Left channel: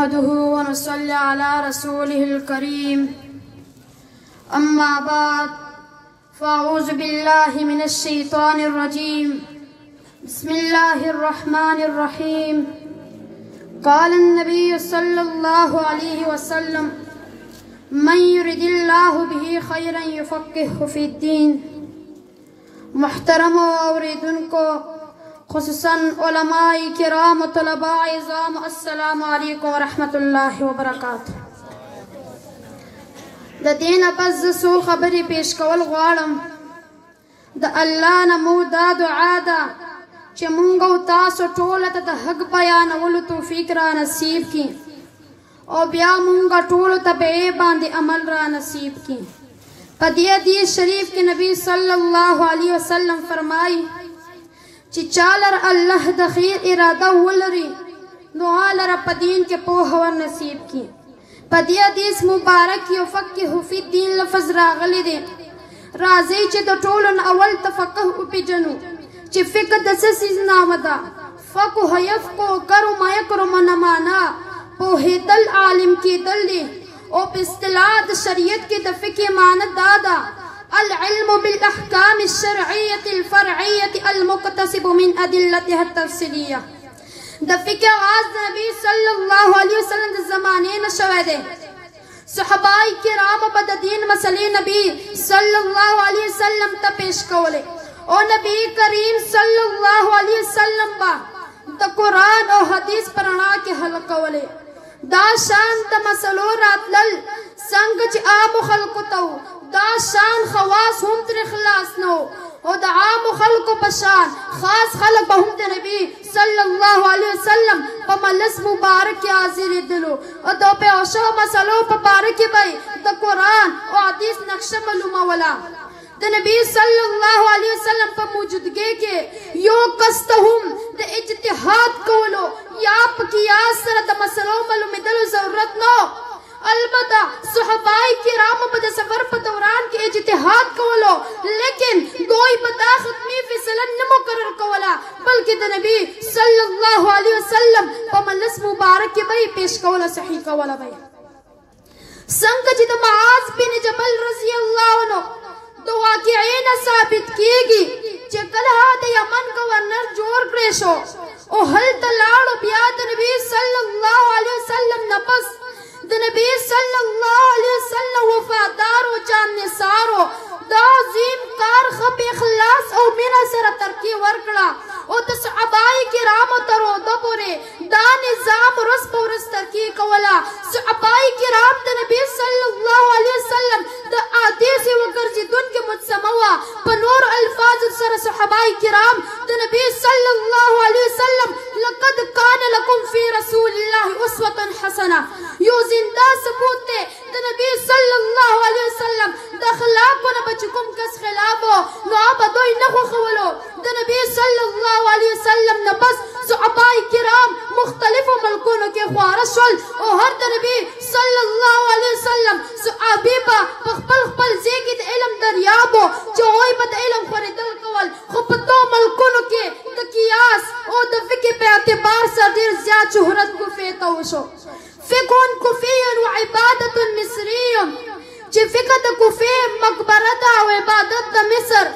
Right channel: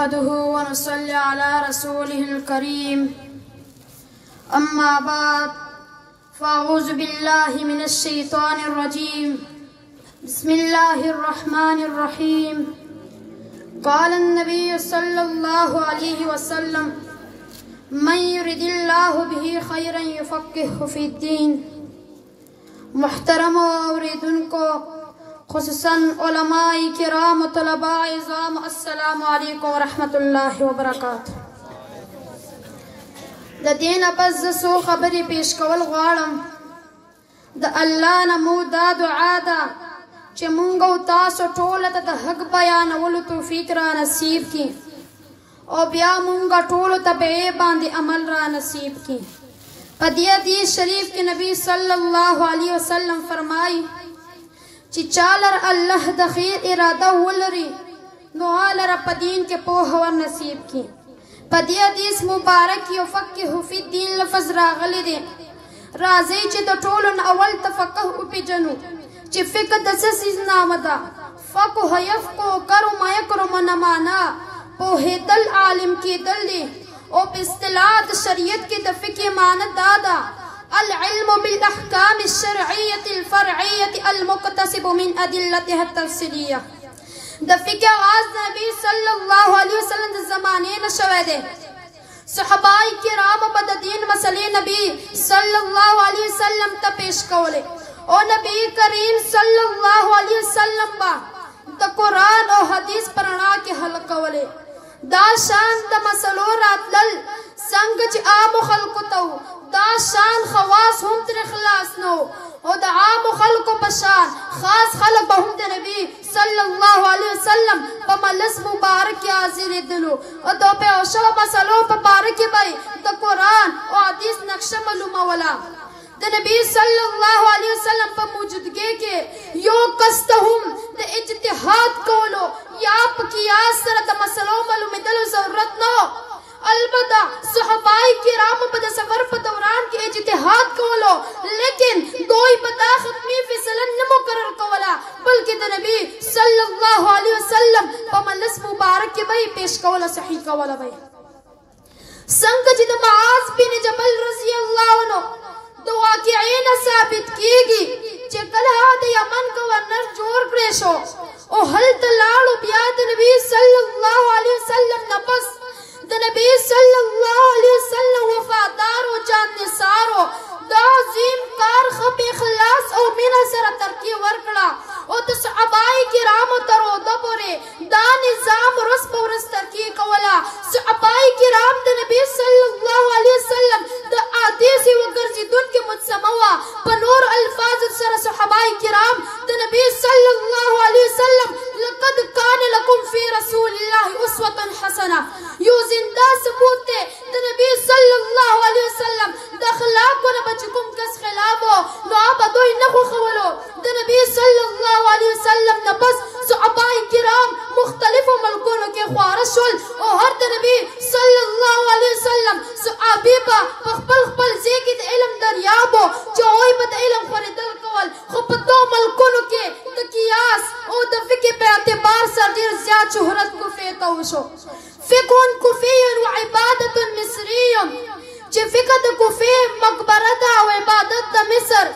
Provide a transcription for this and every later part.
نحمده ونصلي على رسوله الكريم أما بعد فأعوذ بالله من الشيطان الرجيم بسم الله الرحمن الرحيم قال النبي صلى الله عليه وسلم من يرد الله به خيرا يفقهه في الدين. محترم اوریدن کو خصوصاً علماء کرام و طلباء عظام السلام علیکم ورحمۃ اللہ وبرکاتہ. د دین پس ز سو خبرې پیش کول غواړم. د الله نه مو دا دعا ده چې مونږ او تاسو ټول ته د حق بیانولو توفیق را نصیب کړي او بیا مونږ ټول ته به باندې عمل را نصیب کړي. په دې حدیث شریف کې نبی صلی الله علیه وسلم فرمایي چې چالر الله د خیر اراده ولري نو هغه په دین کې پوهه ور نصیب کړي. په دې حدیث مبارک یو فقه فی الدین لفظ راغلی دی. راځي چې د ټولو نه اول تفقه وپېژنو چې فقه د څه څیز نامه ده. فقه یفقه کرم یکرم نه معنا پوهېدل عالم کېدل دی او په اصطلاح د شریعت کې د فقه معنی دا ده العلم بالاحکام الشرعیة الفرعیة المقتصب من ادلتها التفصیلیه. د فقه آغاز نبی صلی الله علیه وسلم د زمانې نه شوی دی. صحابه کرام به د دین مسلې نبی صلی الله علیه وسلم ته پیش کولې او نبی کریم صلی الله علیه وسلم به د قرآن او حدیث په رڼا کې حل کولې. دا شان د مسلو راتلل څنګه چې عامو خلکو ته دا شان خواص هم تر خلاص نو او د عامو خلکو په شان خاص خلک به هم د نبی صلی الله علیه وسلم په مجلس مبارک کې حاضرېدلو او د پېښو مسلو په باره کې به د قرآن او حدیث نقشه معلوموله. د نبی صلی الله علیه وسلم په موجودګۍ کې یو کس ته هم د اجتهاد کولو یا په قیاس سره د مسلو معلومېدلو ضرورت نه. البته صحابه کرامو په د سفر په دوران کې اجتهاد کولو لیکن دوی به دا حتمي فیصله نه مقرر کوله بلکې د نبی صلی الله علیه وسلم په مجلس مبارک کې به پیش کوله صحیح کوله به. څنګه چې د معاذ بن جبل رضی الله عنه د واقعې نه ثابت کېږي چې کله د یمن گورنر جوړ کړی شو او هلته لاړو بیا د نبی صلی الله علیه وسلم نه پس د نبی صلی الله علیه وسلم وفادار او جان نثارو دا عظیم کار ښه په اخلاص او مینه سره ترقي ورکړه او د صحابه کرامو تر اوده پورې دا نظام ورځ په ورځ ترقي کوله. صحابه کرام د نبی صلی الله علیه وسلم د حدیث وګرځېدونکي مجسمه وه. په نورو الفاظو سره صحابه کرام د نبی صلی الله علیه وسلم لقد کان لکم فی رسول الله اسوة حسنه یو زنده ثبوت دی د نبی صلی الله علیه وسلم د اخلاقو نه به چې کوم کس خلاف و نو هغه به دوی نه خوښولو. د نبی صلی الله علیه وسلم نه پس صحابه کرام مختلفو ملکونو کې خواره شول او هر د نبی صلی الله علیه وسلم صحابي به په خپل خپل ځای کې د علم دریاب و چې هغوی به د علم خورېدل کول. خو په دو ملکونو کې د قیاس او د فقه په اعتبار سره ډېر زیات شهرت کوفې ته وشو. فقه کوفي و عبادت مصري چې فقه د کوفې مقبره ده او عبادت د مصر.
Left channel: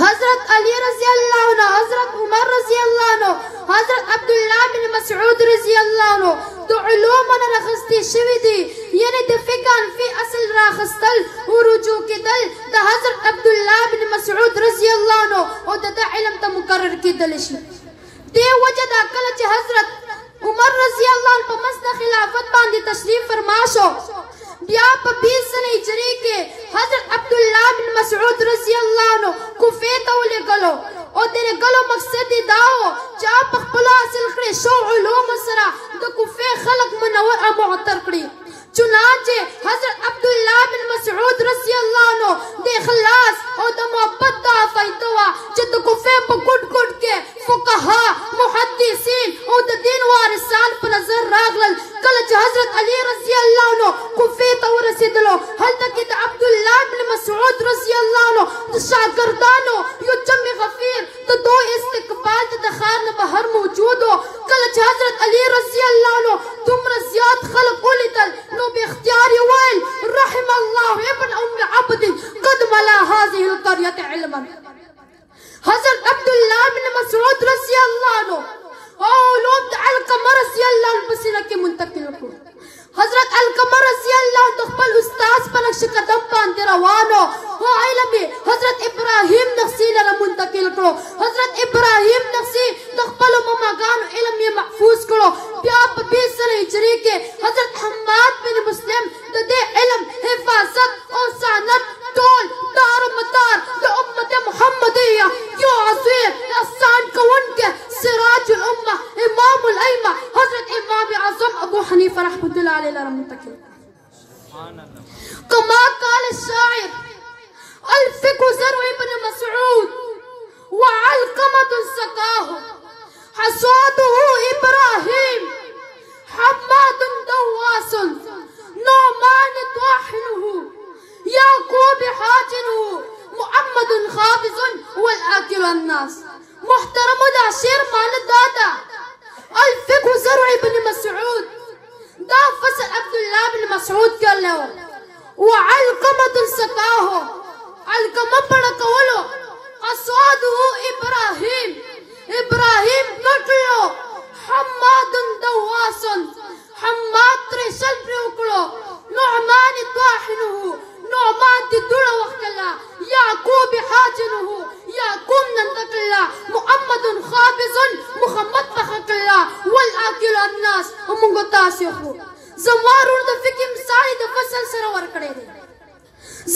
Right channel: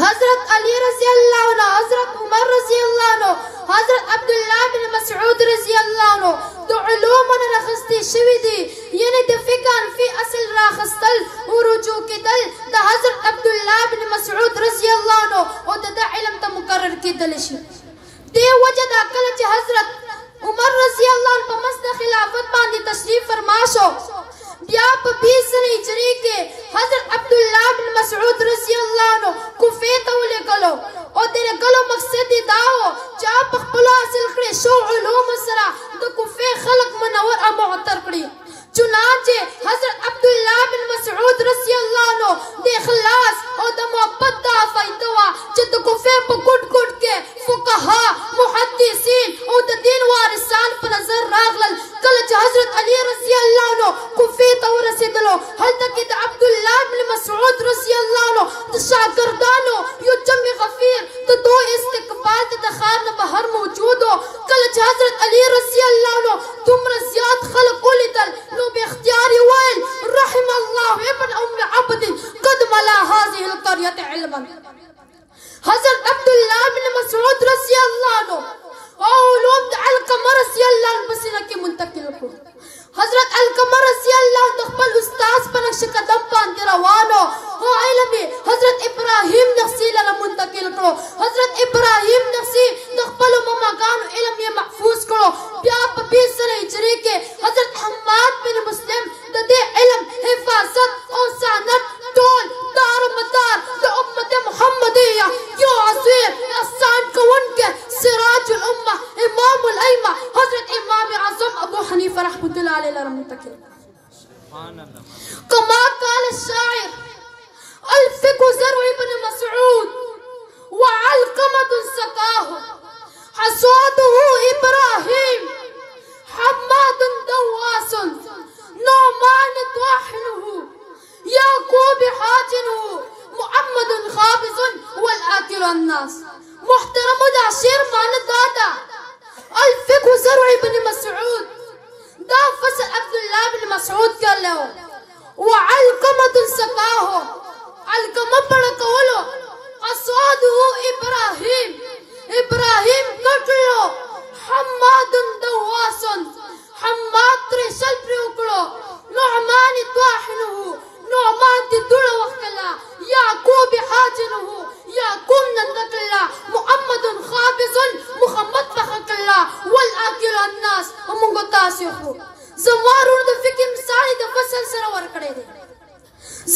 حضرت علی رضی الله عنه، حضرت عمر رضی الله عنه، حضرت عبدالله بن مسعود رضی الله عنه د علومو نه راخیستې شوي دي. یعنې د فقه فی اصل راخیستل او رجوع کېدل د حضرت عبدالله بن مسعود رضی الله عنه او د ده علم ته مقرر کېدلی شي. دې وجه دا کله چې حضرت عمر رضی الله عنه په مسند خلافت باندې تشریف فرما شو بیا په 20 هجري کې حضرت عبدالله بن مسعود رضی الله عنه کوفې ته ولېږلو او د لېږلو مقصد یې دا و چې په خپلو حاصل کړې شو علومو سره د کوفې خلک منور او معطر کړي. چنانچه حضرت عبدالله بن مسعود رضی الله عنه د اخلاص او د محبت دا فایده وه چې د کوفې په ګوټ ګوټ کې فقها محدثین حنیفہ رحمۃ اللہ علیہ لرا منتقل. كما قال الشاعر الفقه زرع ابن مسعود وعلقمة سقاه حصاده إبراهيم حماد دواس نعمان طاحنه يعقوب حاجنه محمد خابز والآكل الناس. محترم العشير معنى دادا الفقه زرع ابن مسعود دا فصل عبد الله بن مسعود قال له وعلقمة سقاه علقمة بڑکولو حصاده إبراهيم قتلو حماد دواس حماد ترشل برکلو نعمان طاحنه نعمان تدول وقلا يعقوب حاجنه يعقوب نندقلا محمد خابز محمد فخقلا والآكل الناس ومنگو تاسیخو. زمارو دا فکر مثالی دا فصل سرور کرے دے.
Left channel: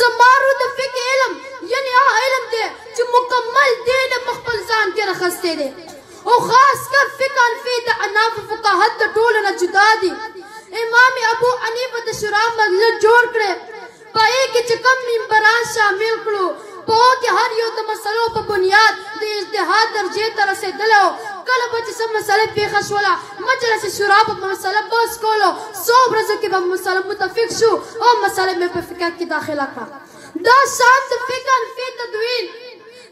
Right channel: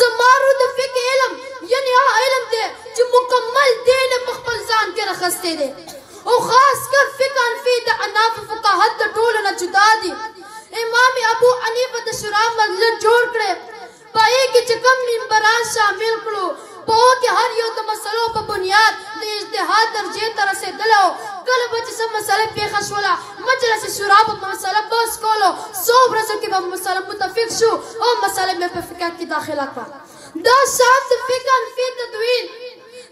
زمارو دا فکر علم یعنی علم دے جو مکمل دین مخبل زان کے رخصتے دے او خاص کر فکر فی دا عناف فقاہت دا ٹولنا جدا دی. امام ابو حنیفہ دا شراب مدلت جوڑ کرے پائے کی چکم ممبران شامل کرو پاو کی ہر یو دا مسئلوں پا بنیاد دا اجتحاد درجے طرح سے دلو کل بچی سب مسئلے پیخش والا مجلس شراب پا مسئلہ بس کولو صوب رزو کی با مسئلہ متفق شو او مسئلے میں پہ فکر کی داخلہ کا. دا شاعت فکر فی تدوین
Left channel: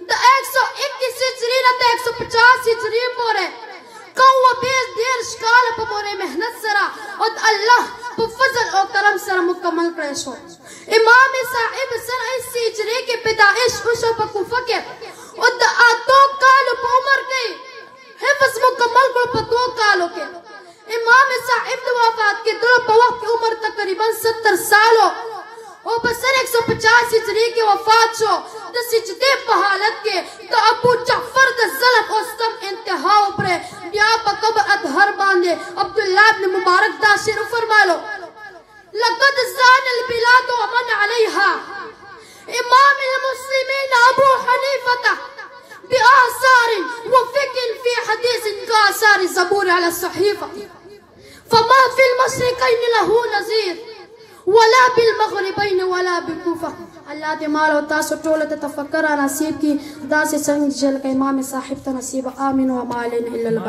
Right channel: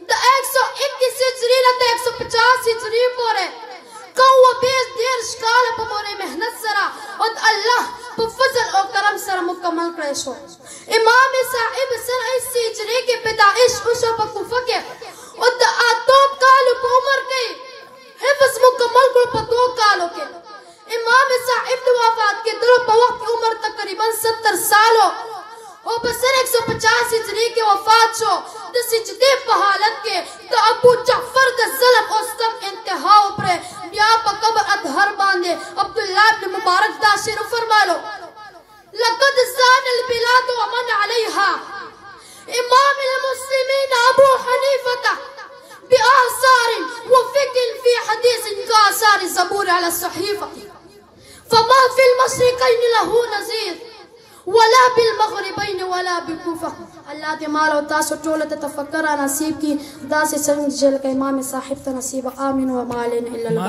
دا 121 ہجری نا دا 150 ہجری پورے قوہ بیس دیر شکال پا مورے محنت سرا اور اللہ پا فضل و کرم سر مکمل کرے شو. امام صاحب سن 80 ہجری کے پیدائش خوشو پا کوفہ کے اور دا آتو کالو پا عمر کے حفظ مکمل کرو پا 2 کالو کے. امام صاحب دا وفات کے دلو پا وقت کی عمر تقریباً 70 سالو اور بسر 150 ہجری کے وفات شو. دا سجدے پا حالت کے دا ابو جعفر دا ظلم اور ستم انتہاؤ پرے بیا پا قبر ادھر باندے عبداللہ ابن مبارک دا شیر فرمالو لقد زان البلاد ومن عليها امام المسلمين ابو حنيفة بآثار وفكر في حديث كآثار الزبور على الصحيفة فما في المشرقين له نظير ولا بالمغربين ولا بكوفة. اللہ دے مال و تاسو ٹولت تفکر نصیب کی دا سے سنگ جل کے امام صاحب تا نصیب آمین و مالین اللہ.